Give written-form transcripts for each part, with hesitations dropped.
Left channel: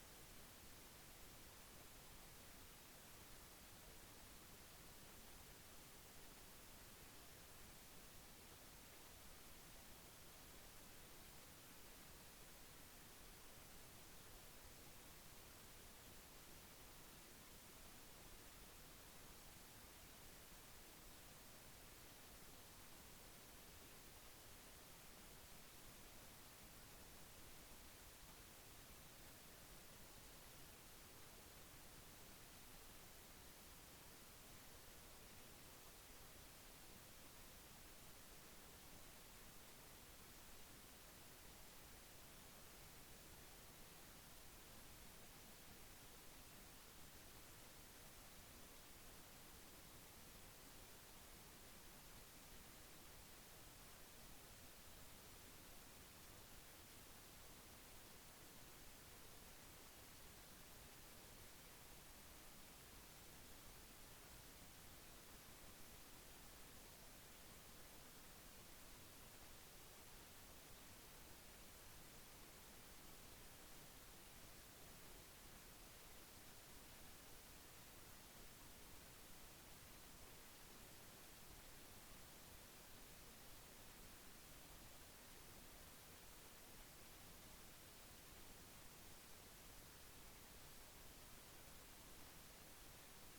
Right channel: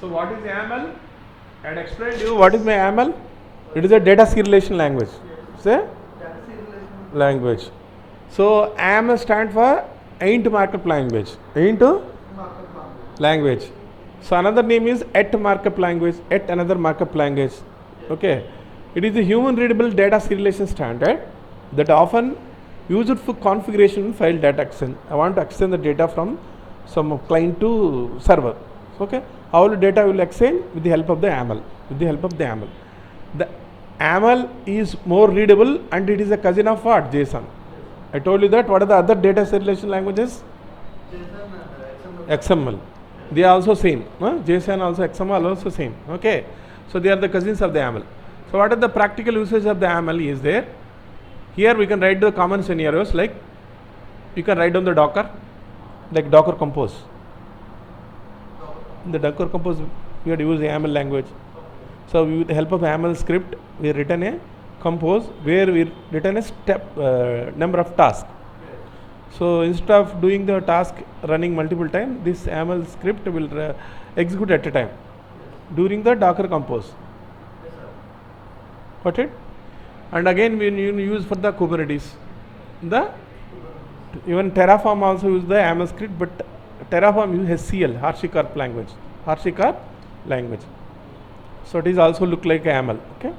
So what is YAML? I had explained you what is my YAML. It is a data serialization language. Say language. So YAML stands for Int Markup Language. Int language. So another name is et markup language, et another markup language. Okay. It is a human readable data serialization standard that often used for configuration file data extend. I want to extend the data from some client to server. Okay. How will data will exchange? With the help of the YAML. With the help of the YAML. The YAML is more readable and it is a cousin of what? JSON. I told you that. What are the other data serialization languages? XML. They are also same. JSON also, XML also same. Okay. So they are the cousins of the YAML. So what are the practical uses of the YAML is there? Here we can write the common scenarios like you can write down the Docker, like Docker Compose. In the Docker Compose we have to use the YAML language. So with the help of YAML script we have written a compose where we written a step number of tasks. So instead of doing the task running multiple times, this YAML script will execute at a time during the Docker Compose. Got it? And again we use for the Kubernetes. Even Terraform also use the YAML script, but Terraform uses HCL, HashiCorp language. HashiCorp language. So it is also look like YAML. Okay?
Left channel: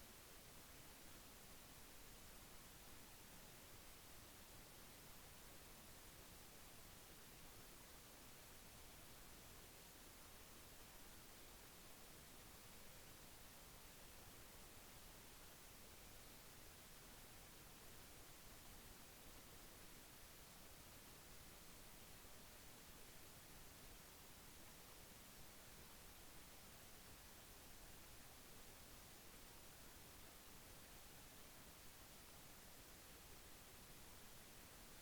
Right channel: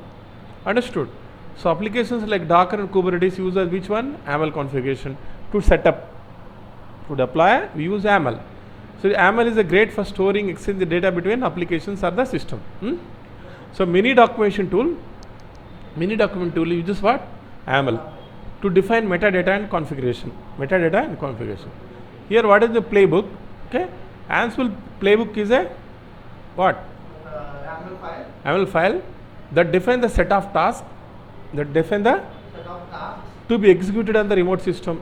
Understood? So applications like Docker and Kubernetes use which one? YAML configuration. To set up, to deploy, we use YAML. So YAML is a great for storing, exchange the data between applications or the system. So mini document tool uses what? YAML to define metadata and configuration. Metadata and configuration. Here what is the playbook? Okay, Ansible Playbook is a what? YAML file that defines the set of tasks to be executed on the remote system.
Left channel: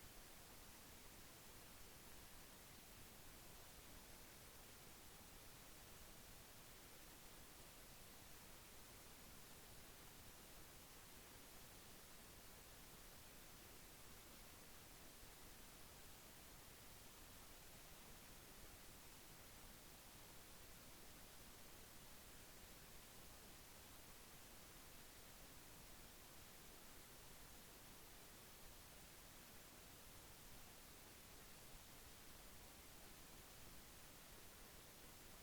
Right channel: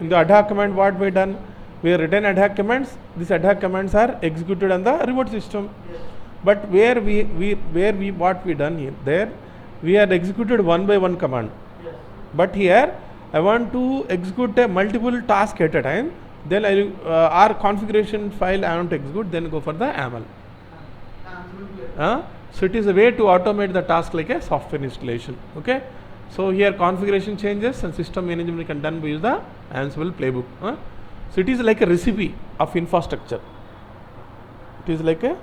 In the ad hoc command, what we done? We have written ad hoc commands. These ad hoc commands are executed on the remote system. Yes. But where what we done here? There, we had executed one by one command. Yes. But here, I want to execute a multiple task at a time. Then our configuration file I want to execute. Then go for the YAML. So it is a way to automate the task like a software installation. Okay. So here configuration changes and system management can done by the Ansible Playbook. So it is like a recipe of infrastructure. It is like a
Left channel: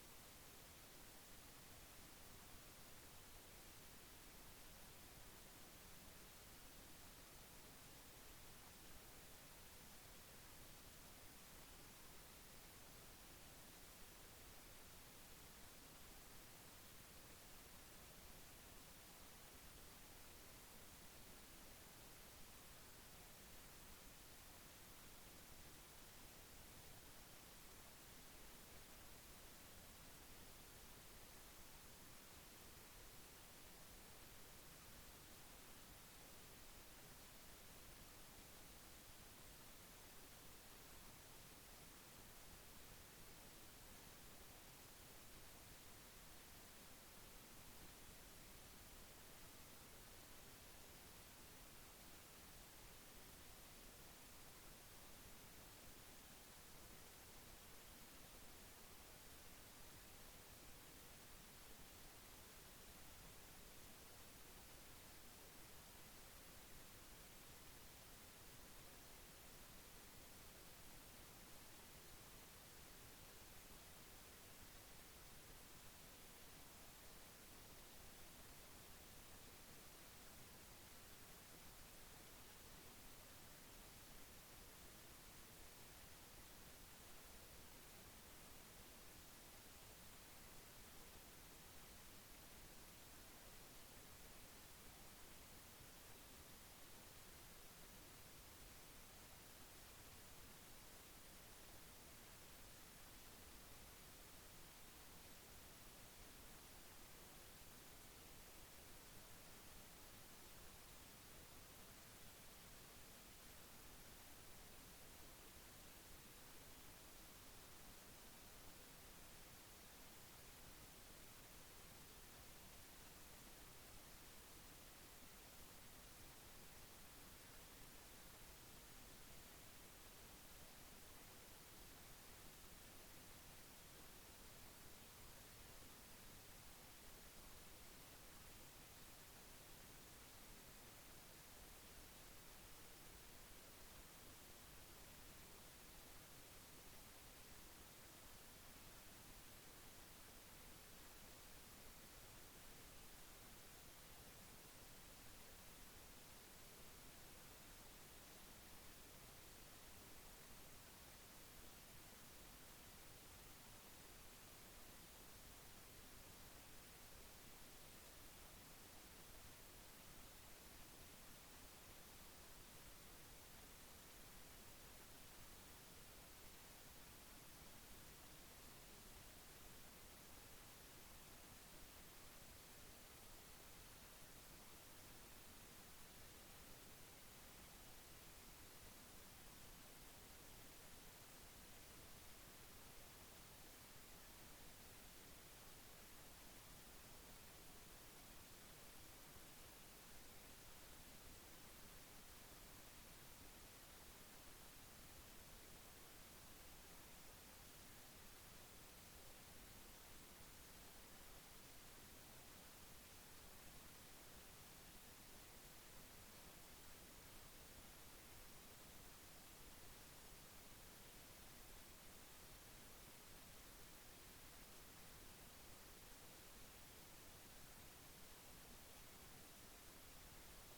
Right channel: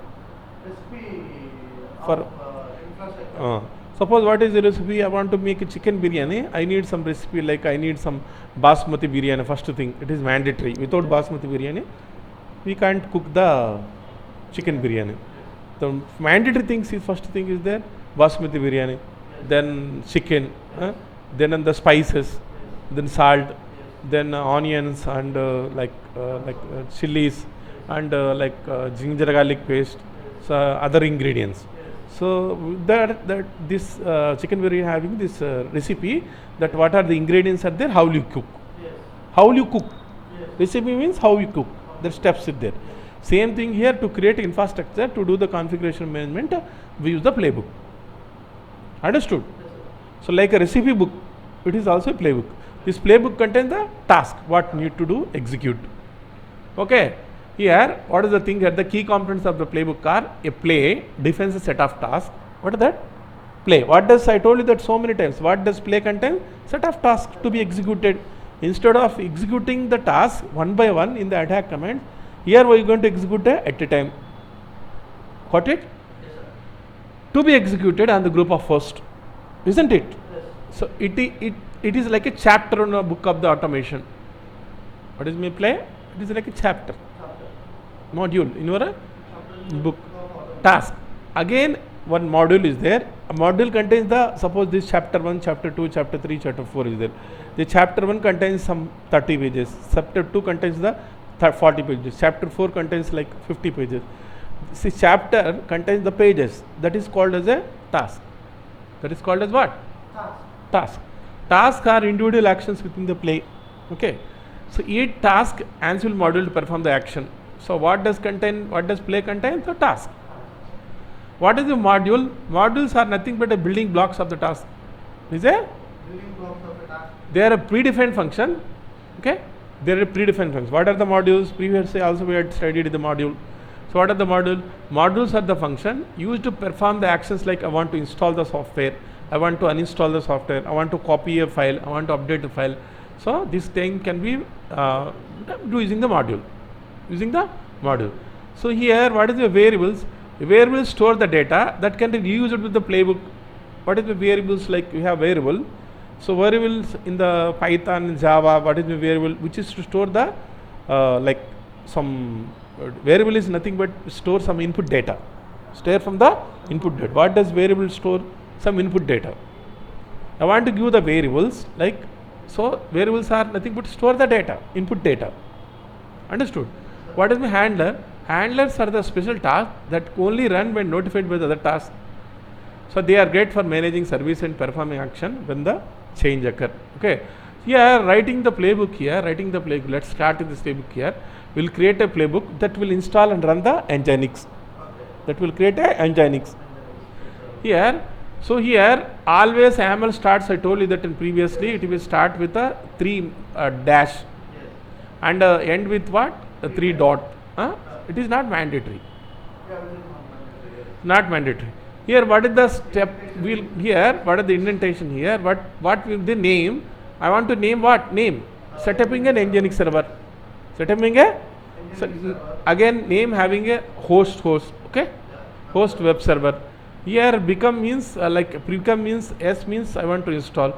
recipe for infrastructure. Suppose what is the recipe? I want to make a chicken biryani. I need some recipe like I need some basmati biryani. First thing, it is mandatory. Without basmati biryani, we can't cook the chicken biryani. The mandatory things is first thing is there basmati biryani, then chicken, then the spices, then salt, then onions and chilies and ginger garlic paste, so other ingredients. So this chicken biryani having this recipe that what are the ingredients are there, how will you cook? How will you cook? Recipe means how you cook. The steps is there. Same thing here, to create infrastructure to do the configuration management, we use the playbook. Understood? So like a recipe book, it is also a playbook. This playbook contains the task, what need to do, execute. Okay. Here, what is the thing here? The key components of the playbook are a play, defines a set of tasks. What is that? Play. What does, I told you that so many times, what does play contain? Set of tasks to be executed. Instead of executing the task one by one in the ad hoc command, here we are going to execute at a time. Got it? Yes, sir. To be executed on the group of first. Isn't it? Yes. So it is like a chapter in a book of the automation. What is my play? It is like a chapter. Module in your book. Task. Again, one module is there. A module contains the, suppose this chapter 1, chapter 2, chapter 3, chapter 4 is there. The chapter 1 contains some 30 pages. Chapter 2 contains the 40 pages. Chapter 4 contains like 50 pages. See, chapter contains the pages. That is called as a task. That is called as what? Task. Tasks are individual actions within the play. Okay. So each task Ansible module to perform the action. So what does play contain? The task. What is the module? Modules are nothing but a building blocks of the task. Is there? Building blocks of the task. They are a predefined function. Okay. They are a predefined function. What are the modules? Previously also we had studied the module. So what are the module? Modules are the function used to perform the actions like I want to install the software, I want to uninstall the software, I want to copy a file, I want to update a file. So this thing can be do using the module. Using the module. So here what is the variables? The variables store the data that can be used with the playbook. What is the variables? Like we have variable. So variables in the Python, Java, what is the variable which is to store the like some variable is nothing but store some input data. Store from the input data. What does variable store? Some input data. I want to give the variables like, so variables are nothing but store the data, input data. Understood? What is the handler? Handlers are the special tasks that only run when notified by the other tasks. So they are great for managing service and performing action when the change occur. Okay. Here writing the playbook here, let's start with this playbook here. We'll create a playbook that will install and run the Nginx. That will create a Nginx. Here, so here always YAML starts, I told you that in previously, it will start with a 3 dash and end with what? A 3 dot. It is not mandatory. Not mandatory. Here what is the step? Here what is the indentation here? What will the name? I want to name what? Name. Setting an Nginx server. Setting a again name having a host. Okay. Host web server. Here become means become means S means I want to install.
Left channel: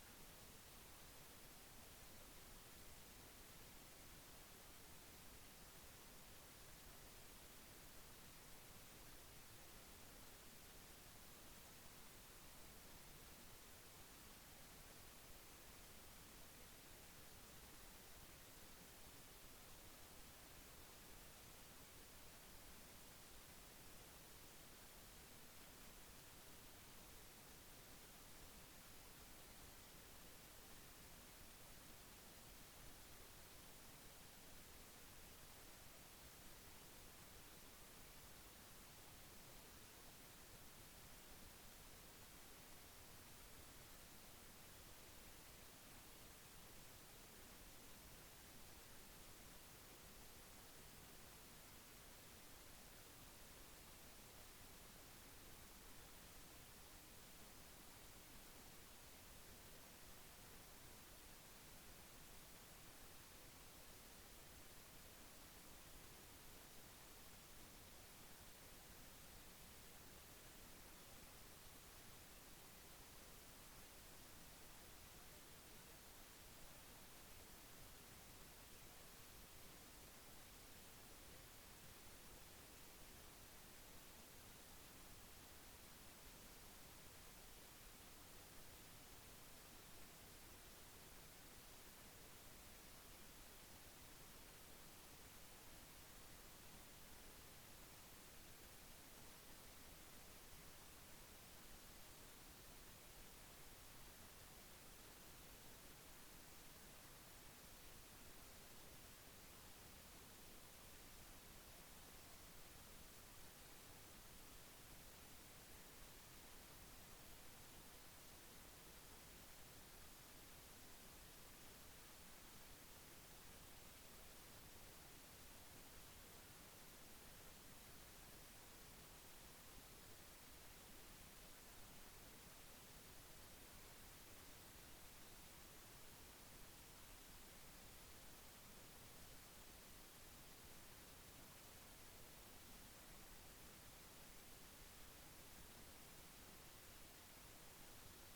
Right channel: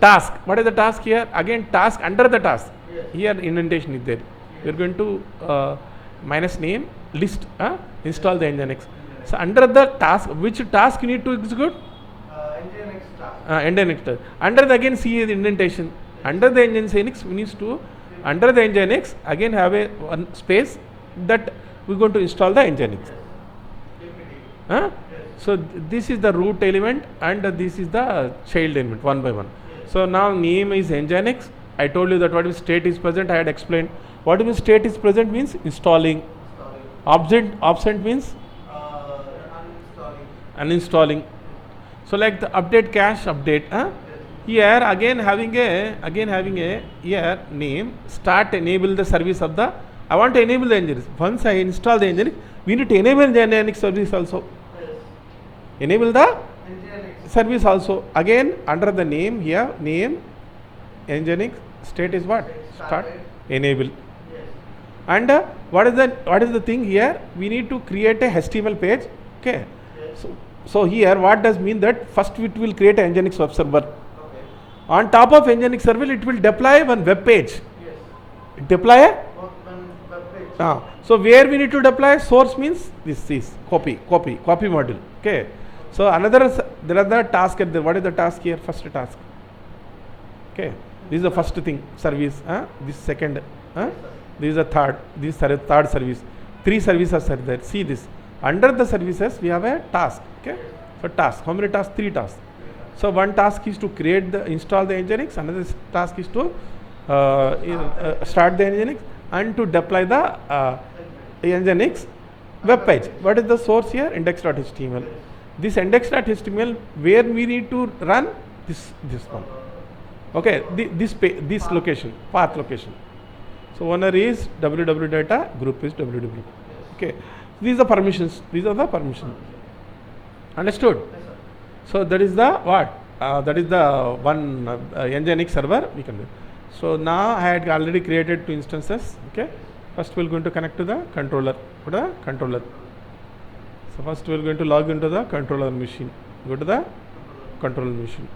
Task. What is the task here? Again task under the task. Here indentation is there. We are going to minus name list install the Nginx. So under the task, which task you need to execute? Nginx task. Under the again see the indentation. Under the Nginx we need to under the Nginx again have a one space that we are going to install the Nginx. So this is the root element and this is the child element one by one. So now name is Nginx. I told you that what is state is present. I had explained. What is state is present means installing. Absent means uninstalling. So like the update cache update. Here again having a here name start enable the service of the. I want to enable the Nginx. Once I install the Nginx, we need to enable the Nginx service also. Enable the service also. Again under the name here name Nginx state is what? Start enable. And what is the thing here? We need to create a HTML page. Okay. So here what does mean that first it will create a Nginx web server. Okay. On top of Nginx server it will deploy one web page. Yes. Deploy a web page. So where we need to deploy source means this is copy module. Okay. So there are the task at the what is the task here? First task. Okay. This is the first thing service. This second. This is the third. This is third service. 3 services are there. See this. Under the services we have a task. Okay. So task. How many tasks? 3 tasks. So one task is to install the Nginx. Another task is to start the Nginx and to deploy the Nginx web page. What is the source here? Index.html. This index.html where we need to run this one. Okay. This location, path location. So owner is www data, group is www. Okay. These are permissions. Understood? So that is the what? That is the one Nginx server we can do. So now I had already created 2 instances. Okay. First we are going to connect to the controller. So first we are going to log into the controller machine. Go to the controller machine.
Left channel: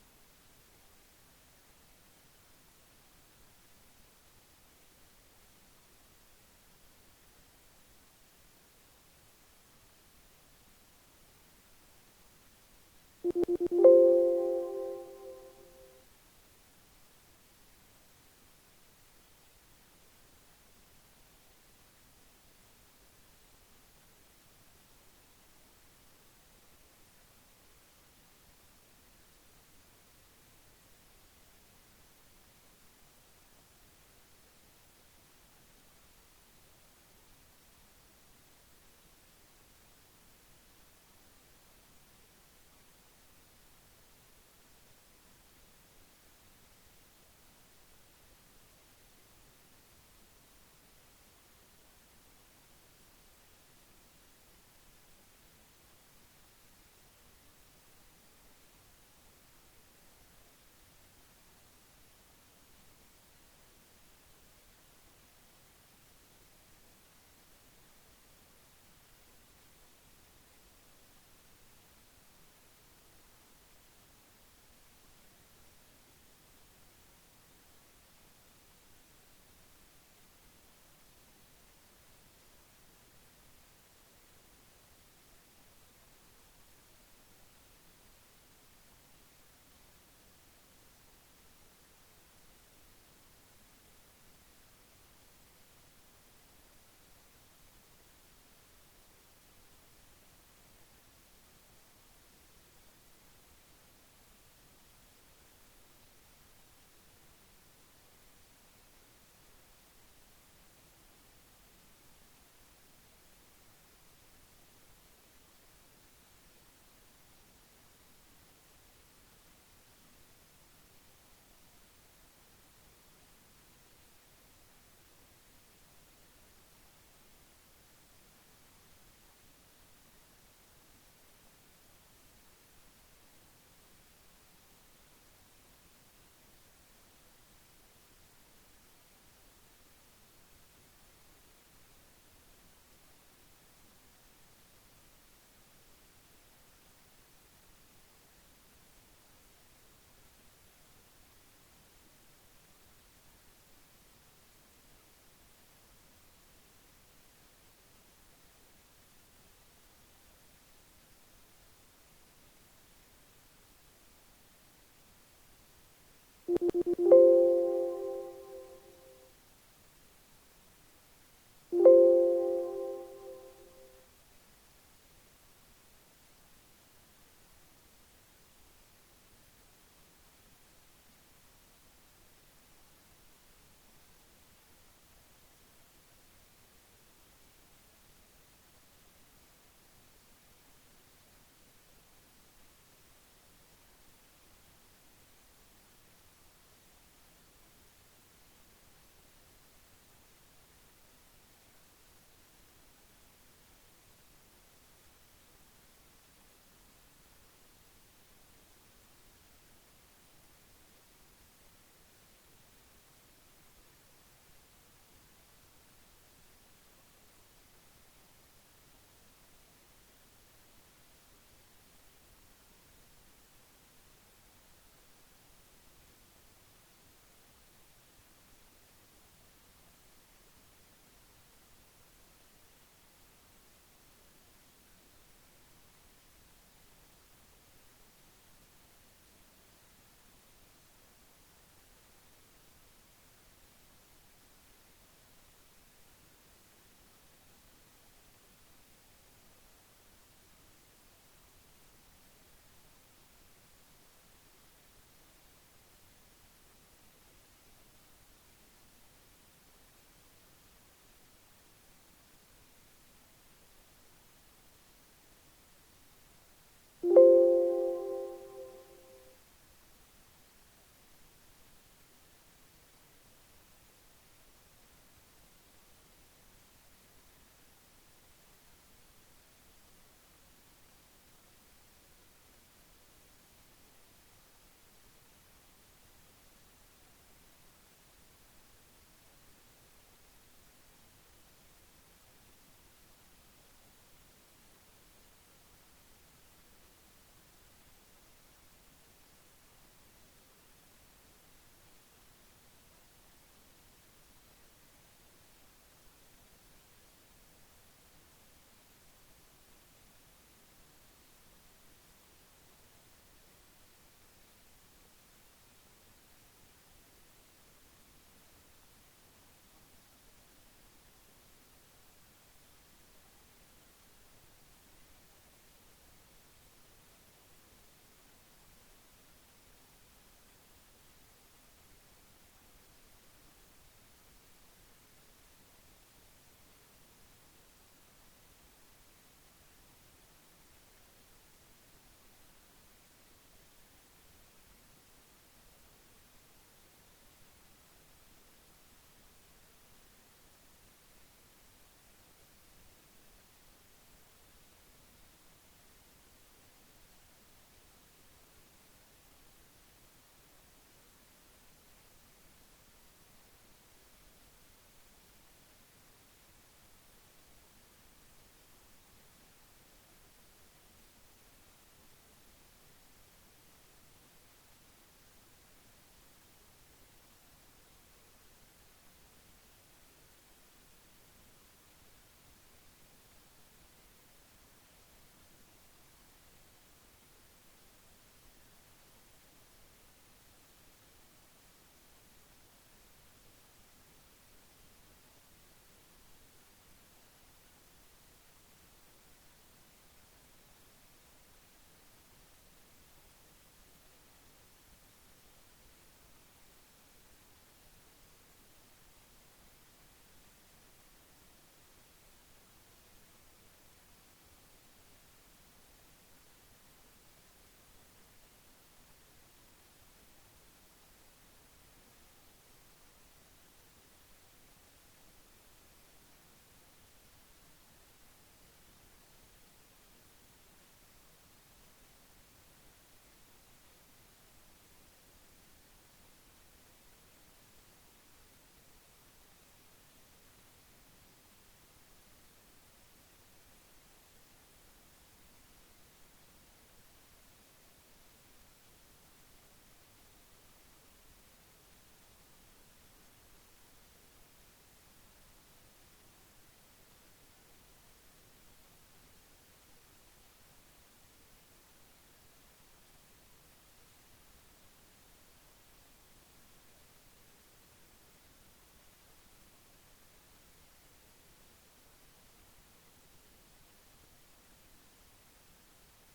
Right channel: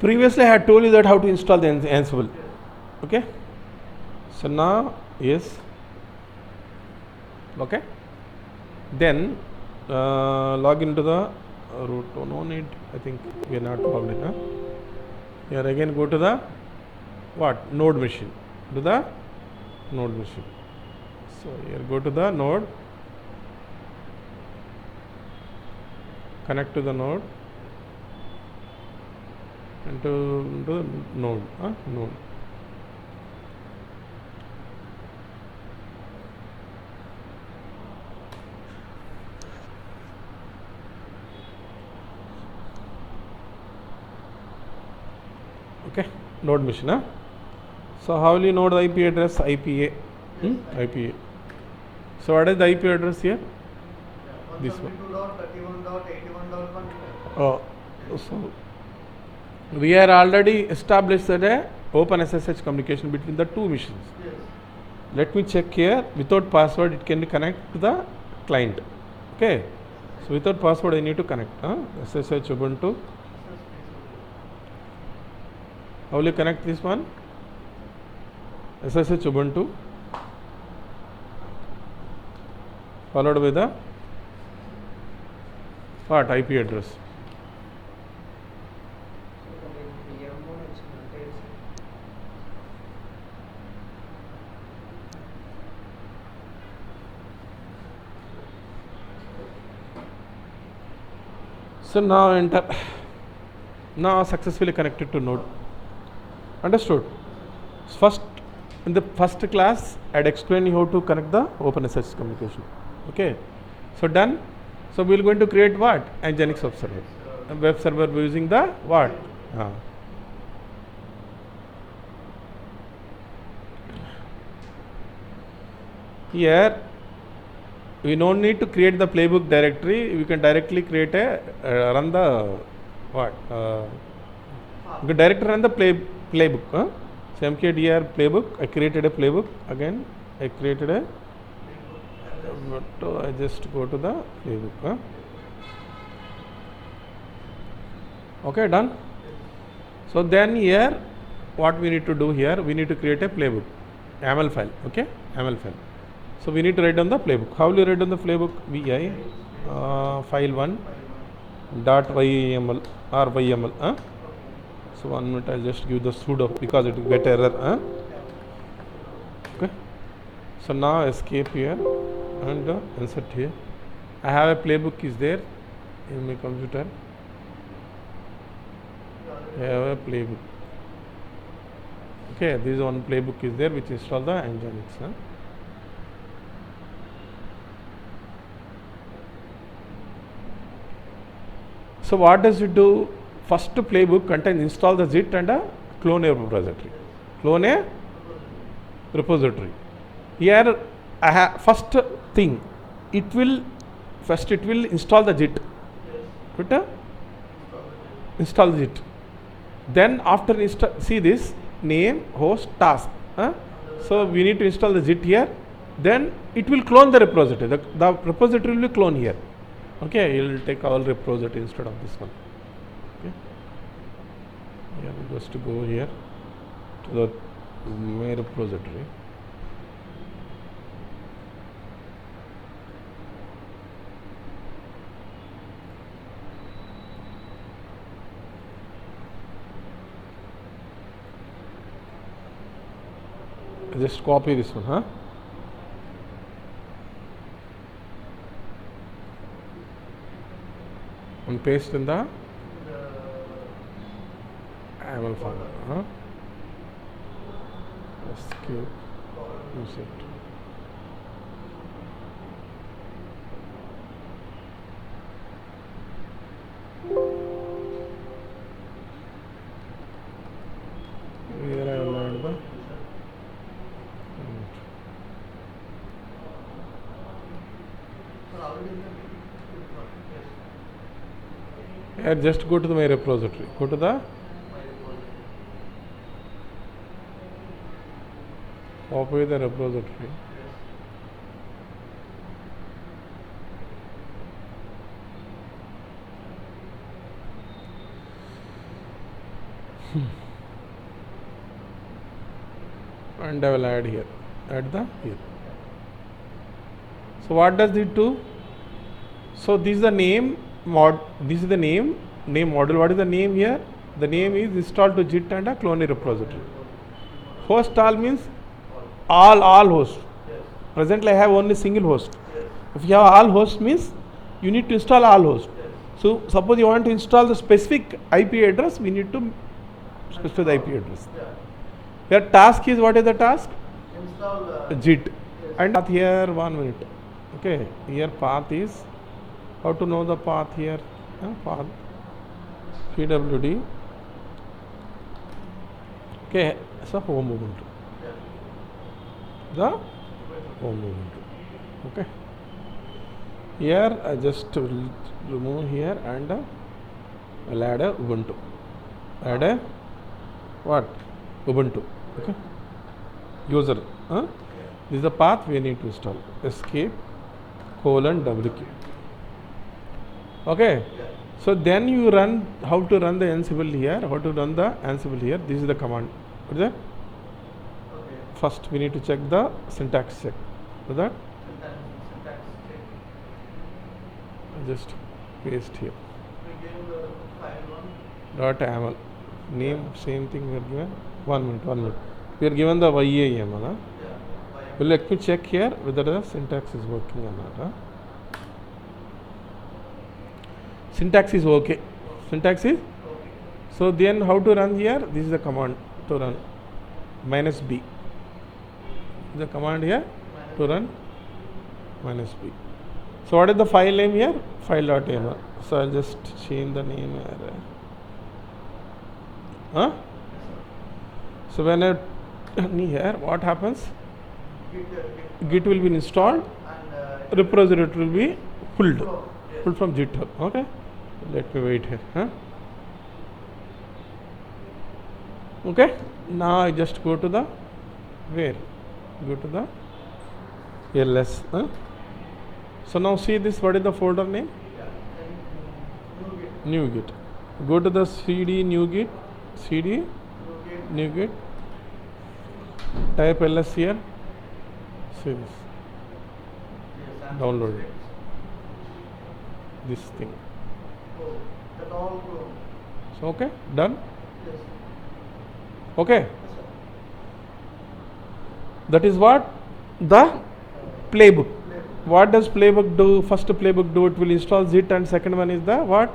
Previously I had told you that how to install the Ansible. Okay. So now yes. Okay. Then log into the root. Oh, no need. I think we are not logged in. Here again go to the what? Node machine. To the node machine. So here go to the node. Connect to the node. And to the node. Node. Okay, node machine. Huh? So how will you know the IP address? IPA. IPA. So what is the IP address here? This one. Oh, so we are already established that a open SSH communication between the two machines. Yes. Let me check here. Without password, it can connect to the client. Okay. So without password, I need to connect. SSH Ubuntu. How will you connect this one? SSH Ubuntu followed by the what? IP address. So now enter. Now successfully connected to node. Understood? First, in the first class, I had explained you how to connect the OpenSSH communication. Okay. So done. So we are going to create what? Nginx web server. A web server using the what? Here we don't need to create the playbook directory. We can directly create a run the what? You can directly run the playbook. So mkdir playbook. I created a playbook again. I created a. I just go to the playbook. Okay, done. So then here, what we need to do here? We need to create a playbook, YAML file. Okay, YAML file. So we need to write down the playbook. How will you write down the playbook? Vi file1 dot YAML or YAML. So 1 minute, I'll just give the sudo because it will get error. Okay. So now escape here and insert here. I have a playbook is there in my computer. I have a playbook. Okay, this one playbook is there which install the Nginx. So what does it do? First playbook contains install the zip and clone a repository. Clone a repository. Here I have first thing. It will install the zip. Install the zip. Then after see this name host task. So we need to install the zip here. Then it will clone the repository. The repository will be clone here. Okay, you will take all repository instead of this one. Okay. Yeah, just to go here to the main repository. Just copy this one, and paste in the YAML file. SQ use it. Here I will add the here just go to the my repository. Go to the copy the repository. And I will add here. Add the here. So what does it do? So this is the name mod. This is the name module. What is the name here? The name is install to JIT and a clone repository. Host all means all hosts. Presently I have only single host. If you have all hosts means you need to install all hosts. So suppose you want to install the specific IP address, we need to specify the IP address. Your task is, what is the task? Install JIT. And path here 1 minute. Okay, here path is, how to know the path here? Path pwd Okay, so home Ubuntu. The home Ubuntu. Okay. Here I just will remove here and I'll add a Ubuntu. Add a what? Ubuntu. Okay. User. This is the path we need to install. Escape :WQ. Okay. So then you run how to run the Ansible here. How to run the Ansible here. This is the command. What is that? First we need to check the syntax check. What is that? Just paste here. .aml name same thing we are given. 1 minute. We are given the YAML. Well, let me check here whether the syntax is working or not. Syntax is okay. Syntax is so then how to run here? This is the command to run -b. The command here to run -b. So what is the file name here? File.yml. So I'll just change the name here. So when I run here, what happens? Git will be installed, repository will be pulled from GitHub. Okay, let me wait here. Okay, now I just go to the where? Go to the ls. So now see this. What is the folder name? NuGet. Go to the cd NuGet. cd NuGet. Type ls here. See this. Download it. This thing. So okay, done. Okay. That is what the playbook. What does playbook do? First playbook do, it will install zit, and second one is the what?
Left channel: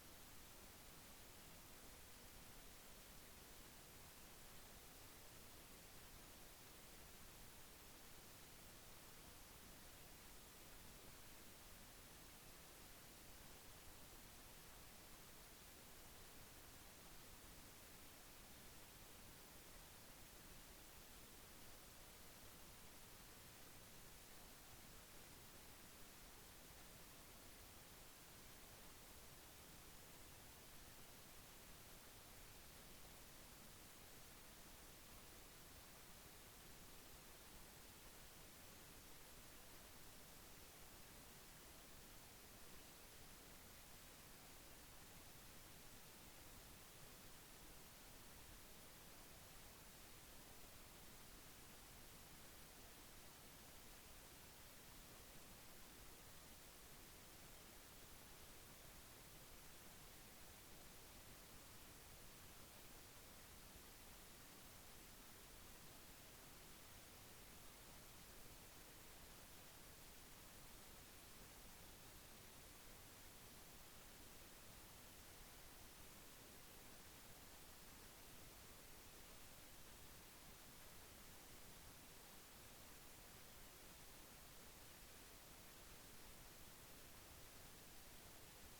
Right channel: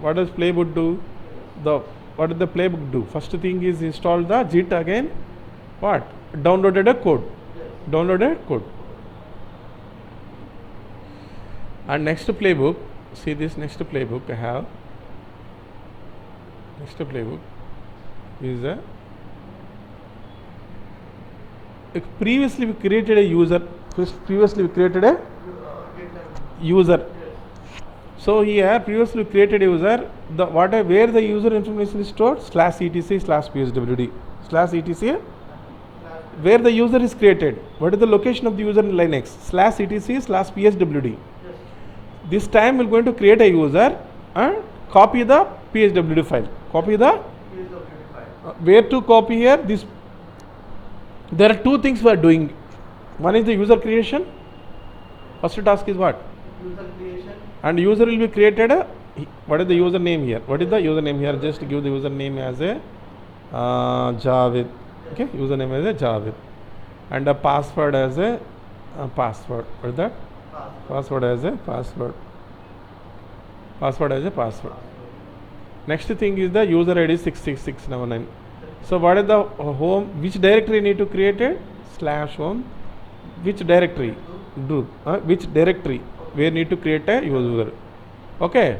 What does playbook do? What does the playbook do? First thing is install the zit, again what? Downloaded a code. Downloaded code. And next playbook, see this next playbook I have. Next playbook is previously we created a user. Previously we created a user. So here previously we created a user. Where the user information is stored? /etc/pswd. /etc. Where the user is created. What is the location of the user in Linux? /etc/pswd. This time we are going to create a user and copy the pswd file. Copy the where to copy here? This. There are two things we are doing. One is the user creation. First task is what? User creation. And user will be created. What is the user name here? What is the user name here? Just give the user name as a Javed. Okay, username as a Javed, and a password as a password. What is that? Password as a password. Password as a password. Next thing is the user ID 66699. So what is the home? Which directory need to create it? /home. Which directory? Do which directory? Where need to create a user? Okay,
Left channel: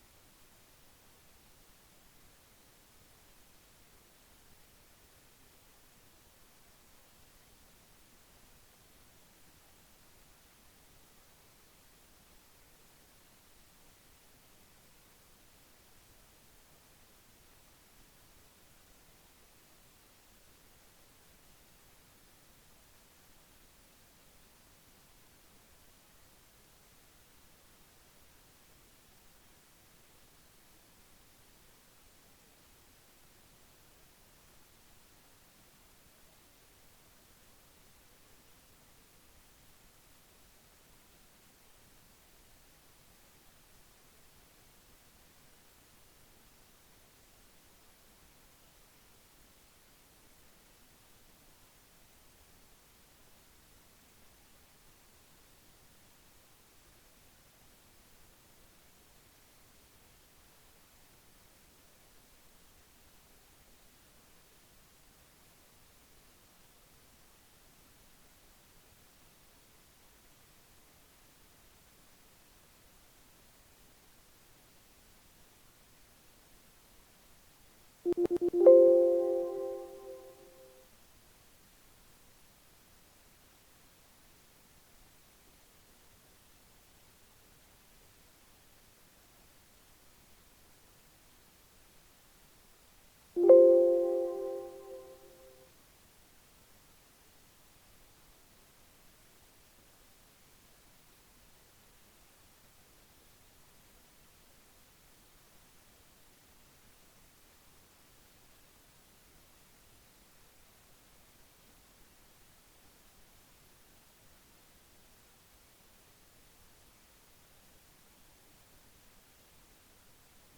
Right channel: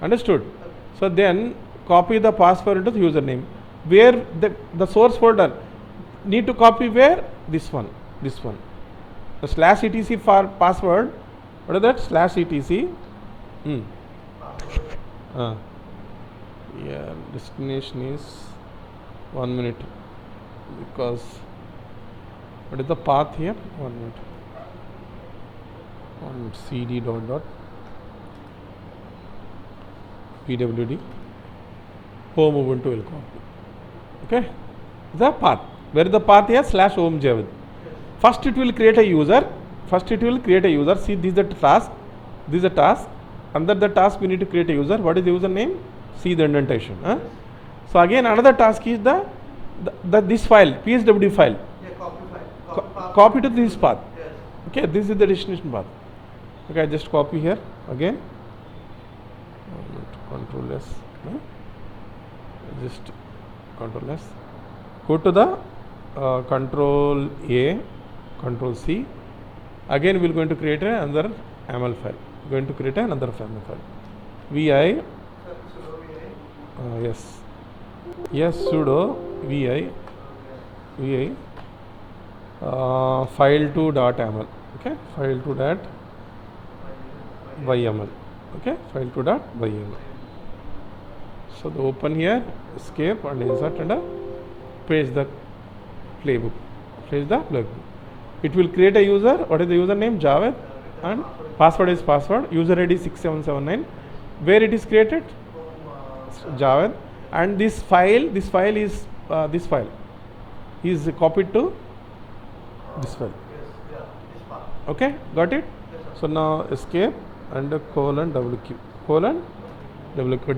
understood. So then copy the password into the username. Where the source folder need to copy where? This one. This one. The /etc for password. What is that? /etc. Yeah, destination is 1 minute, because what is the path here? 1 minute. On cd dot pwd home Ubuntu will copy. Okay, the path. Where the path here? /home Javed. First it will create a user. See, this is the task. This is a task. Under the task we need to create a user. What is the user name? See the indentation. So again another task is this file, pswd file. Copy to this path. Yes. Okay, this is the destination path. Okay, I just copy here again. Control S. Just Control S. Go to the Control A, Control C. Again we are going to create another YAML file. Going to create another YAML file. Vi. Yes. Yes, sudo vi file2.yaml. Okay, file2.yml. Okay, file2.yml. So the open here, escape and insert and paste the playbook. It will create a user. What is the username? Javed, and password is password. User ID 6779. Where it is created? Javed. And this file is copied to this file. Okay, got it? So now escape and colon WQ.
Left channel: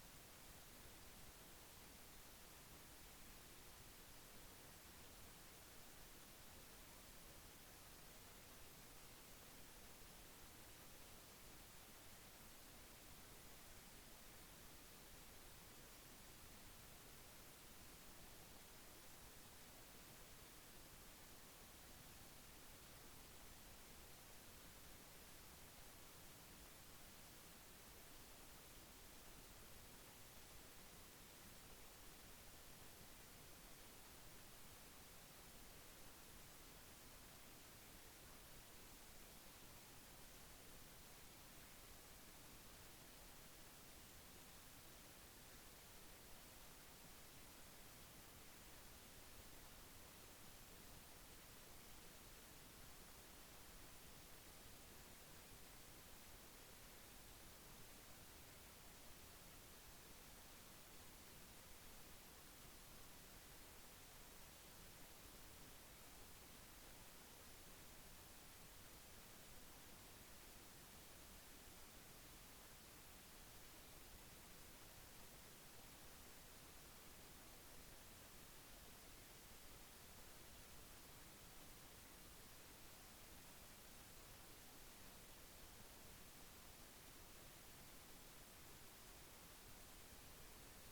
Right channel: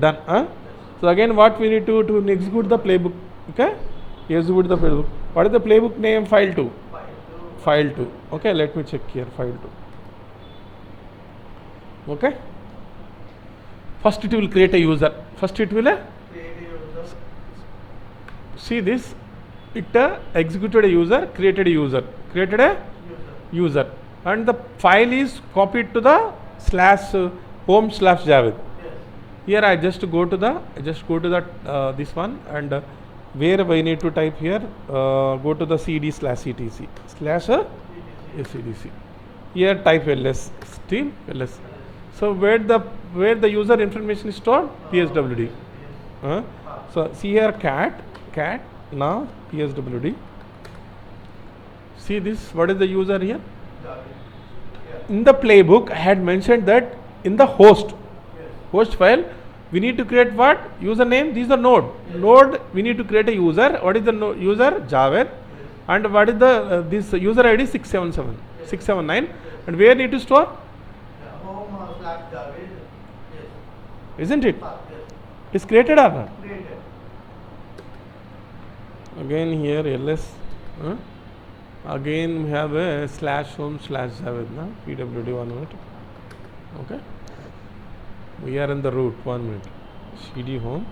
Done. So again, what we need to execute the playbook. Okay, execute the playbook. What is the playbook name? File2. Okay, let me check here. File2. Okay. First it will create a user. See this. It executed a user, created a user, and the file is copied to the /home/Javed. Here I just go to the this one, and where we need to type here, go to the cd/etc/cdc. Here type ls, stream ls. So where the user information is stored? pswd. So see here cat now pswd. See this, what is the user here? In the playbook I had mentioned that in the host file we need to create what? Username. These are node we need to create a user. What is the user? Javed. And what is the this user ID? 679, and where need to store? home/Javed. Isn't it? Is created or not? Again here ls. Again we have a /home/Javed. pwd 1 minute. Okay. We are in the root. 1 minute. cd home.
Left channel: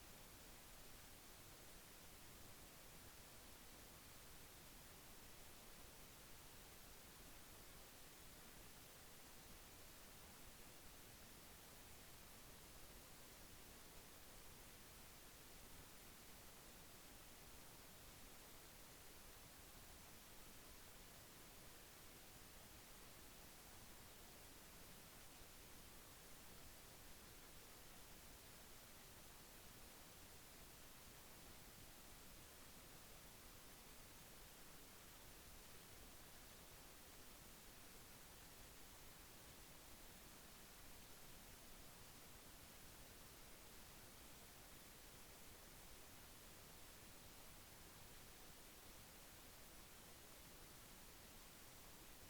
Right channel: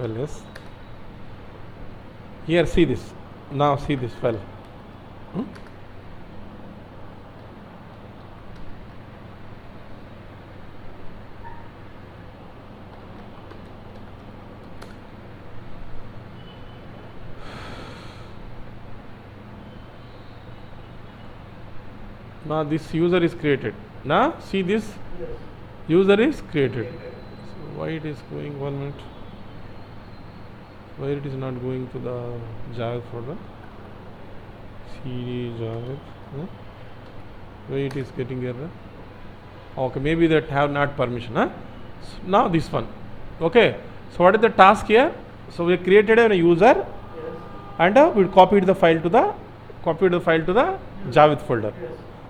ls. Here see this. Now see this file. Now this user is created. Now see this user is created. So why it is going 1 minute? Why it is not going to the Javed folder? cd Javed. Why it is getting error? Okay, maybe that have not permission. So now this one. Okay. So what is the task here? So we created a user, and we copied the file to the Javed folder.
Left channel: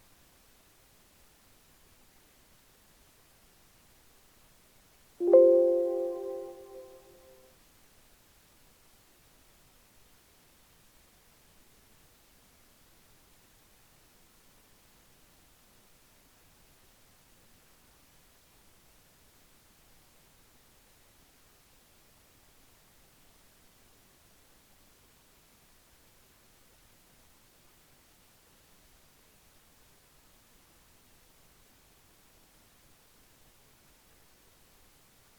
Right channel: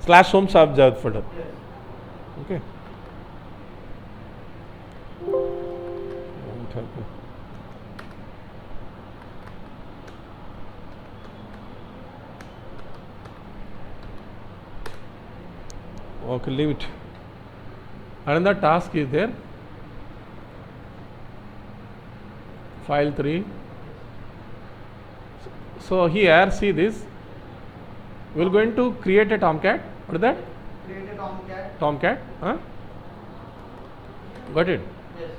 /home/Javed folder. Okay. Okay, leave it. Another task is there. File 3. So here see this. We are going to create a tomcat. What is that? Create a tomcat. Tomcat. Got it? Yes.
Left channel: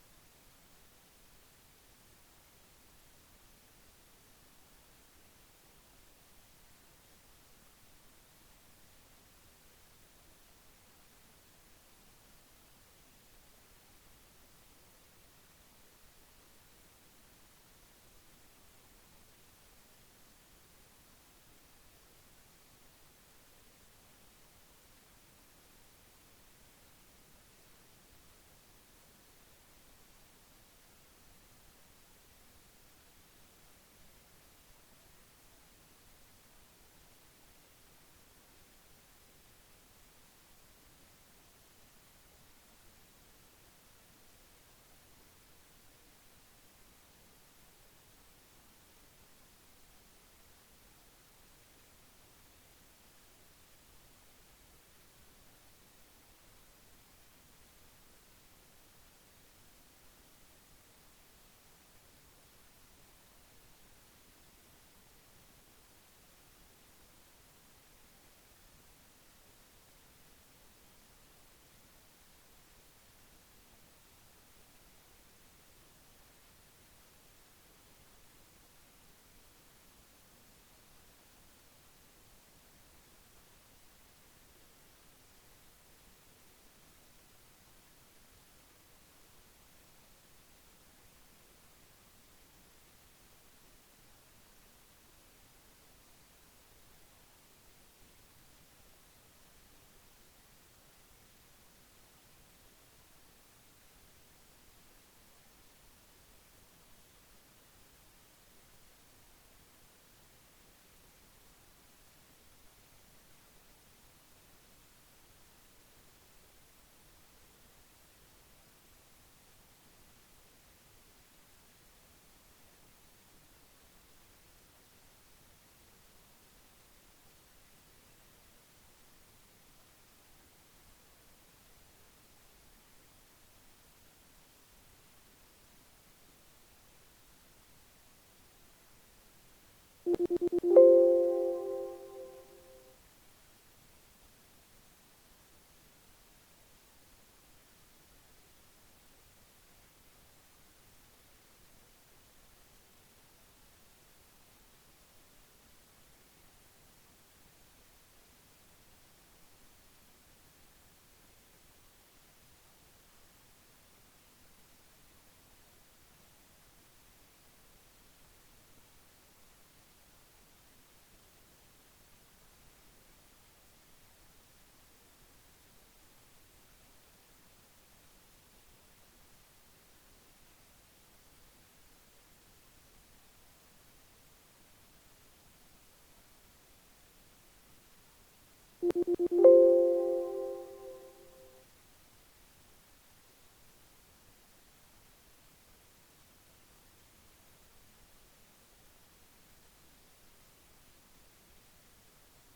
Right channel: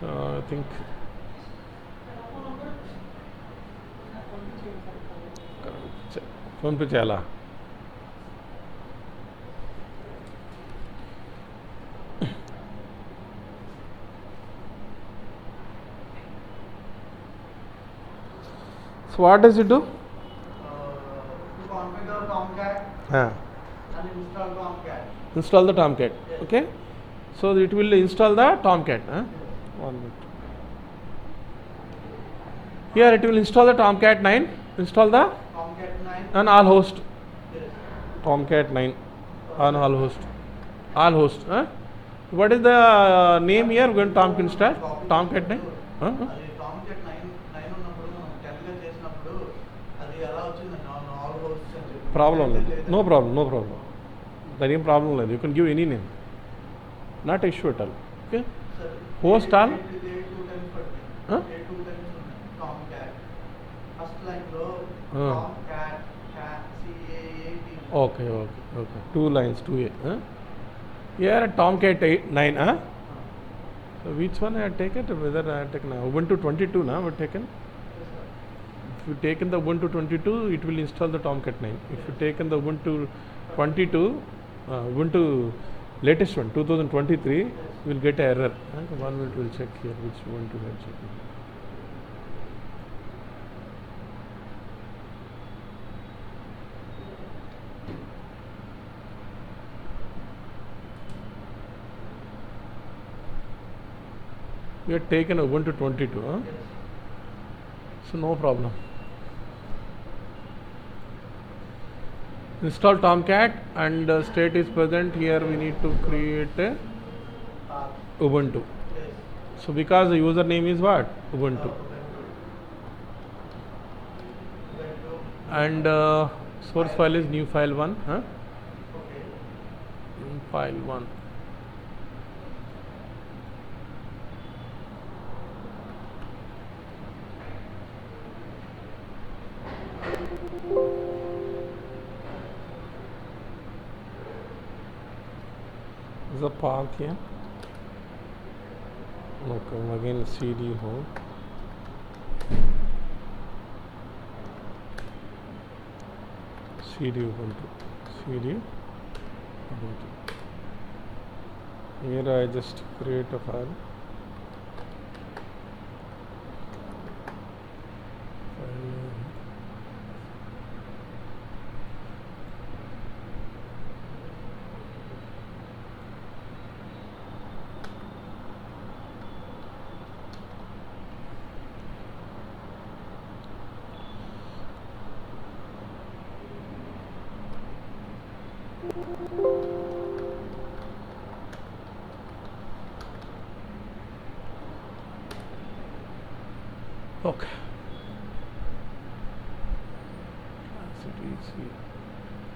So I think phone pe chala. So what does it do? To configure tomcat and install tomcat. Install the tomcat. Yes. Okay. So it will install the tomcat. 1 minute. Here it will install the tomcat 9. Install the Tomcat 9. on all host. Yes. Tomcat 9 on all host. What is the name here? We're going to tomcat install. Tomcat 9. అది tomcat 9 ఉన్నప్పుడు మనం calculate చేసినప్పుడు అది ఎలా వచ్చింది all hosts అని చెప్పి Problem. No problem. There is problem. You can give any name. Not issue at all. Okay. Host all. tomcat first line లో Ah. tomcat CAAT. Okay. 2 lines, 2A. Here tomcat 9. So which one I had taken? Whether I had taken Ubuntu 22 now, I had taken. Yes, sir. If you taken the Ubuntu 22, it will install the Tomcat 9. If you taken the Ubuntu 22, Ubuntu latest one 2023, you will get an error. 1 minute, we'll check here which Ubuntu we are checking. We had taken Ubuntu 22, huh? Yes. So no problem. Install Tomcat and state is present. Here we need to create a Ubuntu. Yes. So because the username is what? Ubuntu. And source file is new file 1. Huh? Okay. New file 1. Is the path here? Okay, again CD home. CD Ubuntu. CD Ubuntu. Here I just create a file. Okay.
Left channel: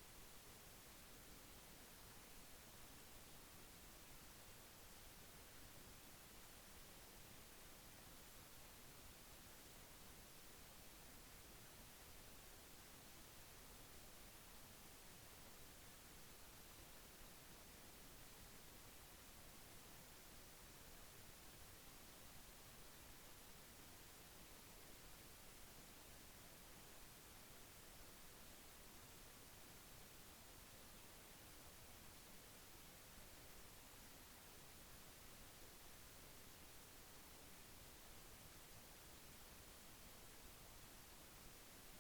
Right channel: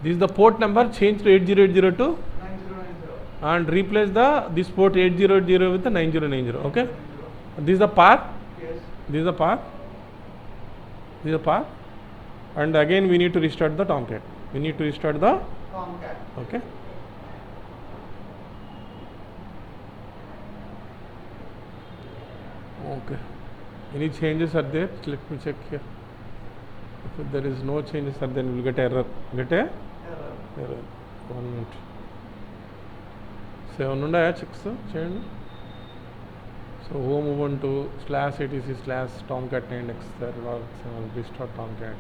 This is the port number. Change to 8080 to 9090. and replace this port 8080 with the 9090. Okay. This is the path. Yes. This is the path. This is the path. And again we need to restart the Tomcat. We need to restart the Tomcat. okay. Okay. Any changes are there? Let me check here. If there is no changes, then we'll get error. Get a Error. error. 1 minute. 7 undaya checks change. So home Ubuntu /etc/tomcat 9 x restart Tomcat.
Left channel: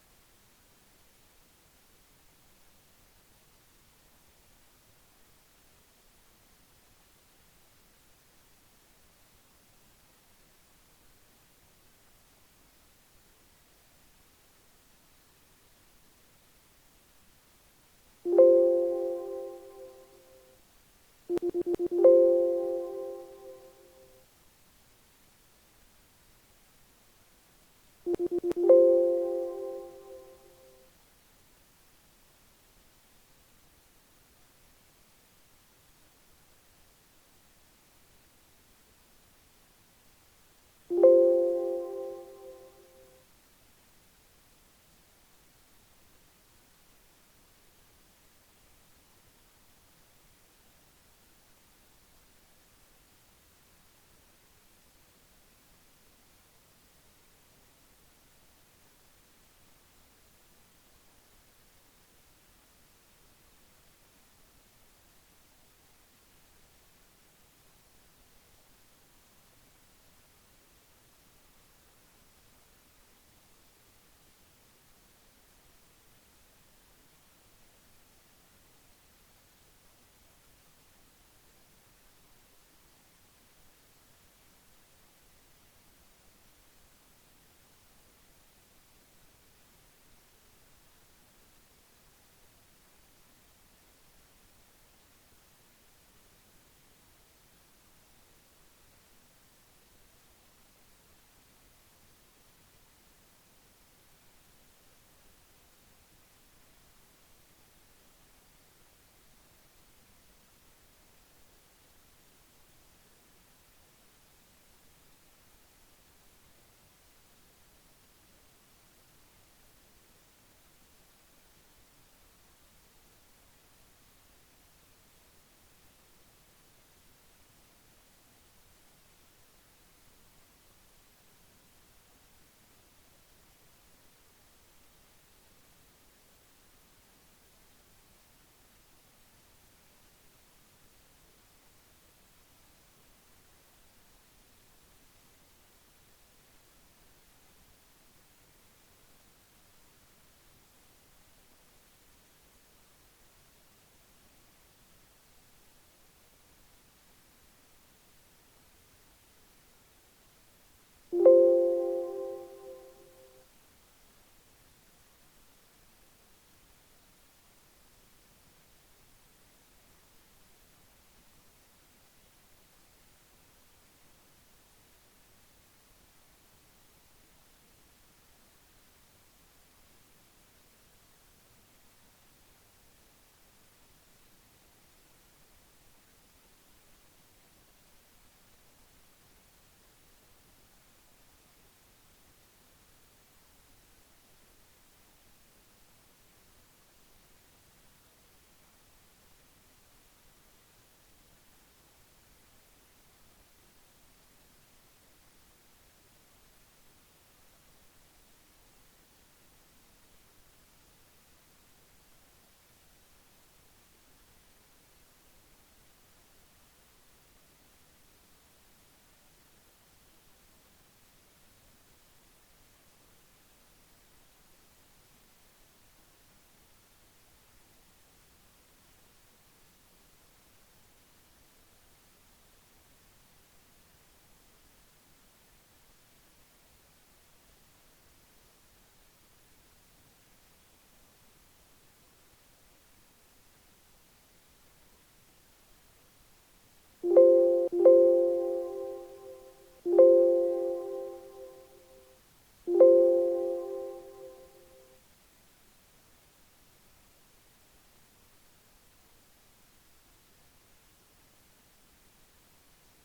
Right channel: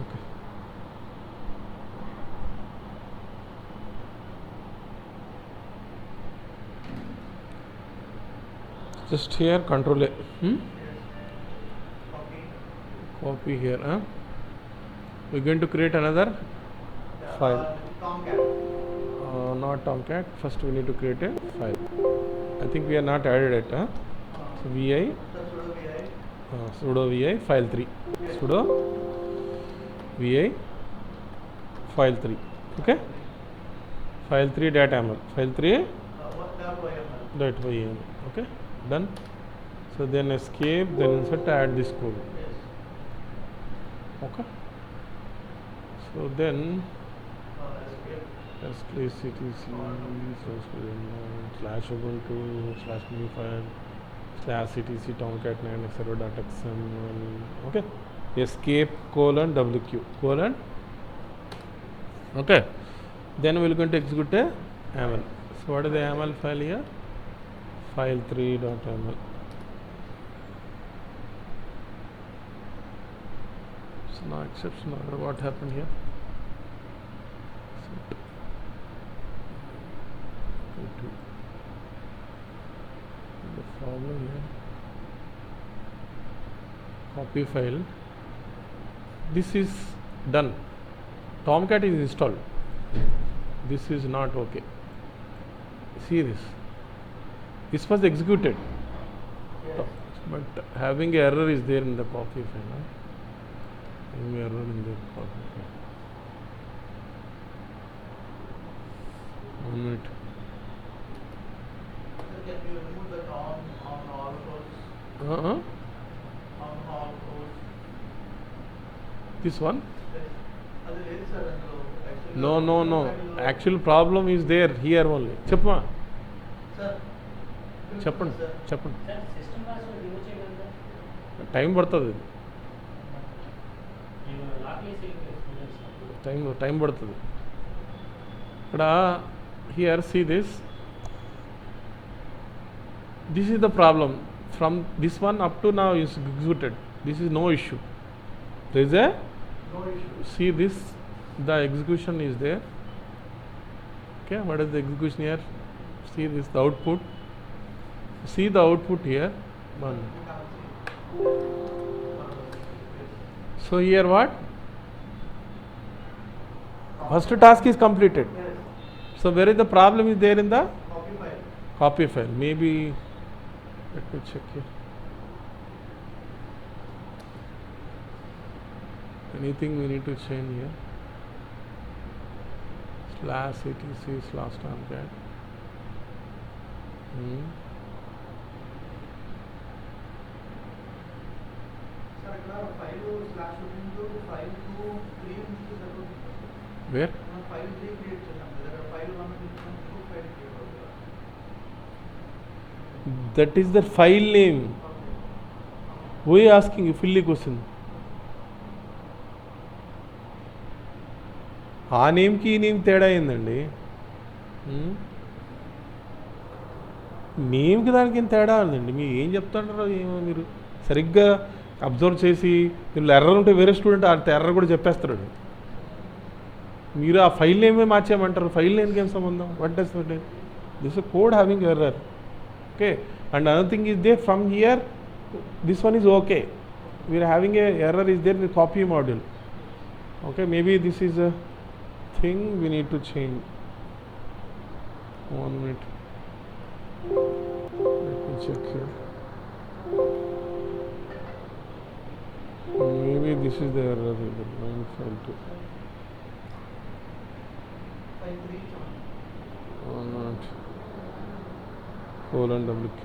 Okay. Just here control A. Copy. Copy here. We're going to create another file. Tomcat. Not Tomcat. First we need to create a file. I think we are not added it. So vi Sudo vi. sudo vi file 3. Sudo vi file 3. Okay. File 3 .yaml. File 3 That YML. .yaml. Okay. Done. So then escape. Then insert add this code. Yes. Okay. So then Escape. /etc/ctc /ubuntu/new file /ctc tomcat 9 server.xml. Okay. Escape :wq : okay. Then we're going to execute a YAML. So what is the YAML file here? File 3.yaml. So now exception order. What happened here? The problem here. Copy file. This is done. Tomcat is installed. This is not okay. See this. This was executed, Yes. but having error is there in the copy file. Having error in the copy file. 1 minute. Can you remove the on all rows? this one. అది లేదు sir అందులో No, no, no. Actual problem is there here only. చెప్పమా sir చెప్పండి చెప్పండి. System password remove చేయగలరా? Time పడుతుంది, నేను lock చేసి టైం పడుతుంది. ఇక్కడ here see this is the problem. From this one up to now is executed. This is no issue. There is a no issue. see this, the execution is there. Okay, what is the execution here? See this, the output. See the output here. One. So here what? First task is completed. So where is the problem is there in the copy file. copy file? Maybe let me check here. Anything we need to change here? /etc/tomcat. Sir ఇక్కడ file slash into file 2 3 నుంచి సరిపోతుంది. Where? మనం file 3 create చేసాం కదా, file 1 తీసుకున్నాం 2 file create అవుతుంది. That is the file name. Who is asking you? Fill the question. ఆ నేమ్కి ఈ నేమ్ తేడా ఏందండి? నేమ్కి దానికి ఏం తేడా ఉందండి? మీరు ఏం చెప్తుంటారో ఏమో, మీరు సరిగ్గా అబ్జర్వ్ చేసి మీరు ఎర్రర్ ఉంటే వేరే స్టూడెంట్ ఆ ఎర్రర్ కూడా చెప్పేస్తాడు. మీరు ఆ ఫైల్ నేమే మార్చేయమంటారు. ఫైల్ నేమ్కి ఏం సంబంధం? What does this code having error. Okay, and another thing is there from here, this one is okay. We are having a error is there in the copy module. Okay, maybe this is a thing we need to change. 1 minute. Let me check here. Maybe this is the error. 952. File 3 ఇచ్చాం. 1 minute. :WQ.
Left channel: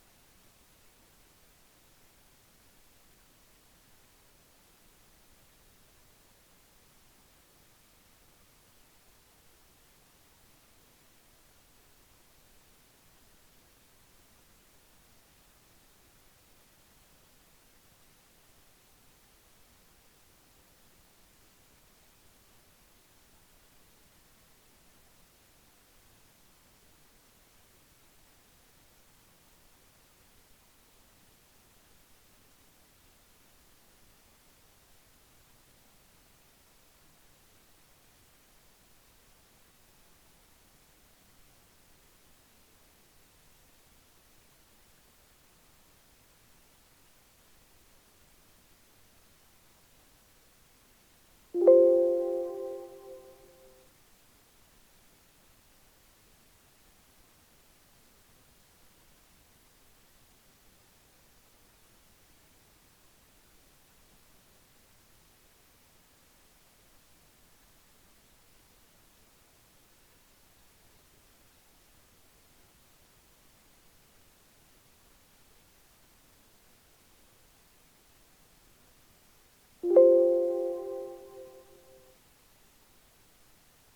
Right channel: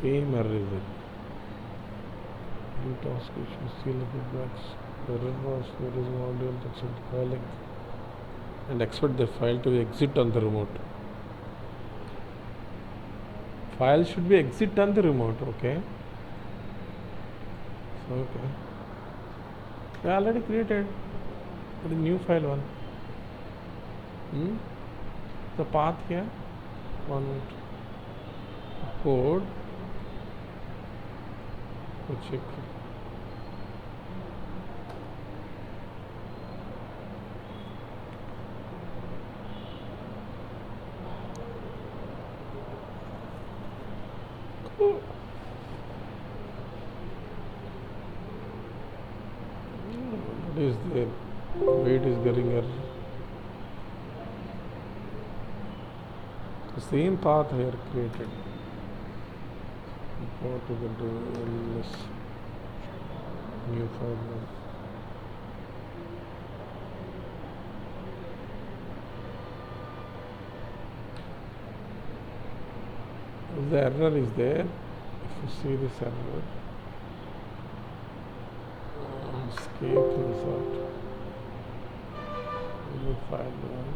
Same error is there. New task issue, seal the feedbacks. Error was there is module that should file and expect the file to exit on the remote. File should be exit on the remote. Okay. So, okay. I already created the new file one. The path here, one code. Check. Is there weight is getting error. The same path here created. What to get this new file one. The error is there. If you see this error, escape insert. New file one.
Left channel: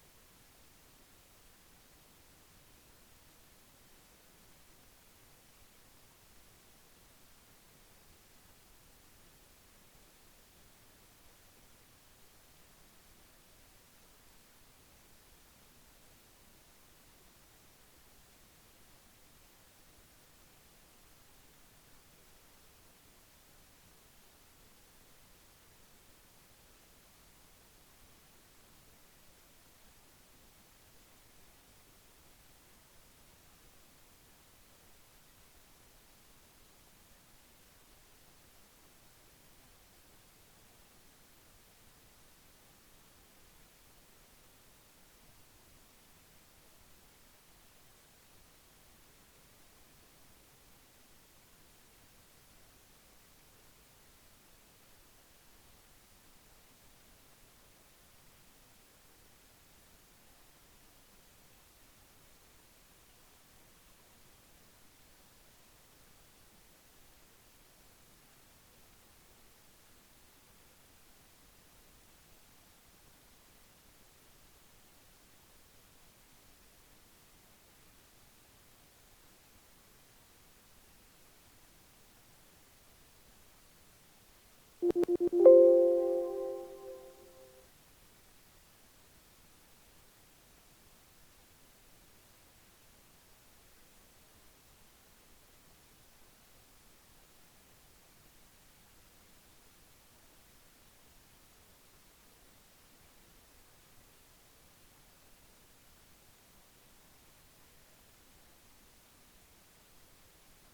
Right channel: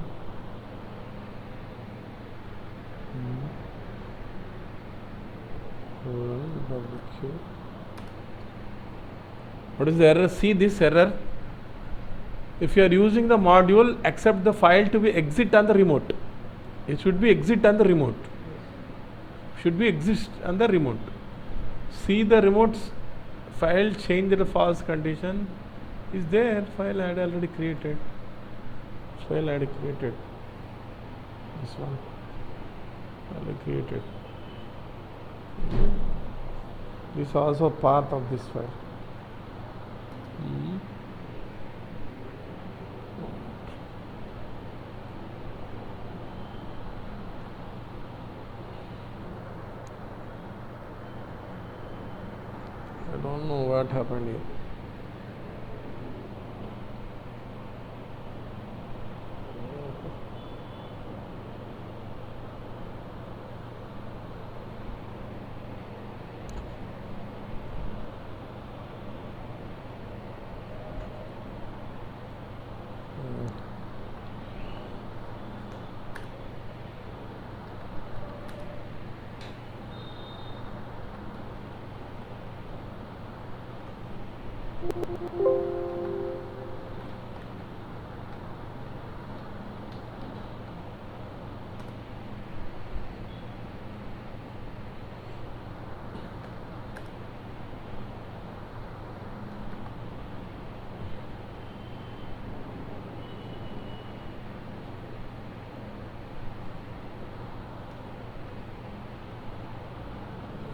WQ. What is the error? See this error. If you are using the module, accept the file to be exit on the remote. It should be exit on the remote. Should be exist on the remote. See the remote's file change the false condition is there. File I had already created. File I had created. This one already created. This is also part of this file. I don't know what happened here.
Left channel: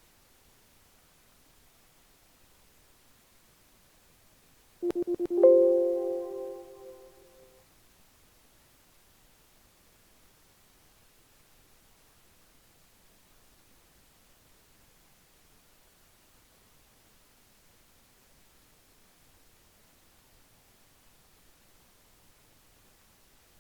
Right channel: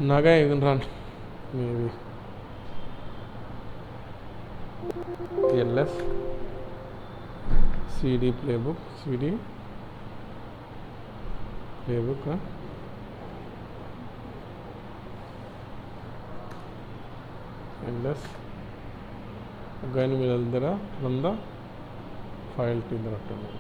Naga you can run maybe ls cd playbook huh? ls again we will run the file to the terminal.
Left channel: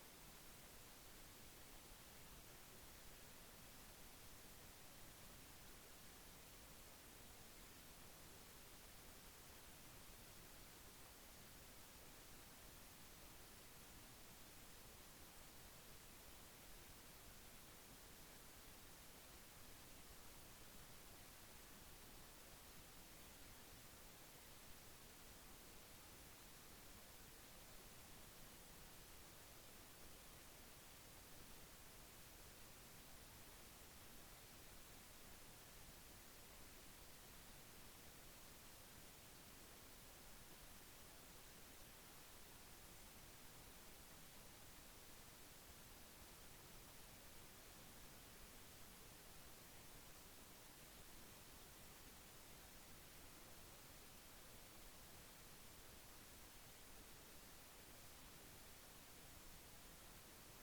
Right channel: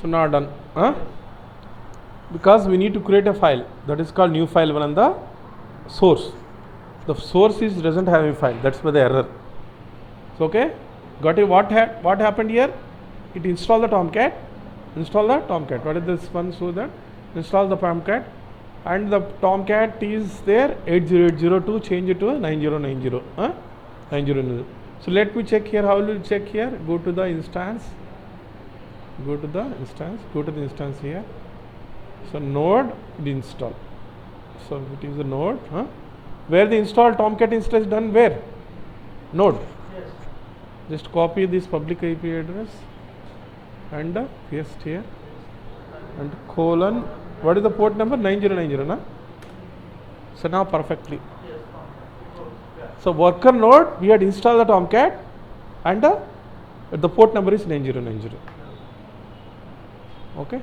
So now done, huh? Because we need to create a file that is called new file on the source. The source is doesn't have a file. That's why the error. So okay, got it? What happened here? It installed the Tomcat. Install the Tomcat. What is this one? So that install the Tomcat, and the Tomcat is there 80802. Change it to 9090. 9090. So let me check here. How will you check here? Go to the instance. Go to the instance here. So node it install. So it is a node, huh? Where the install Tomcat instance done where? Node. Yes. Just copy this public IP address and paste here and colon. What is the port number? 9090, na? So now perfectly. Yes. Yeah. So worker node we had installed the Tomcat and the port number is 9090. Okay.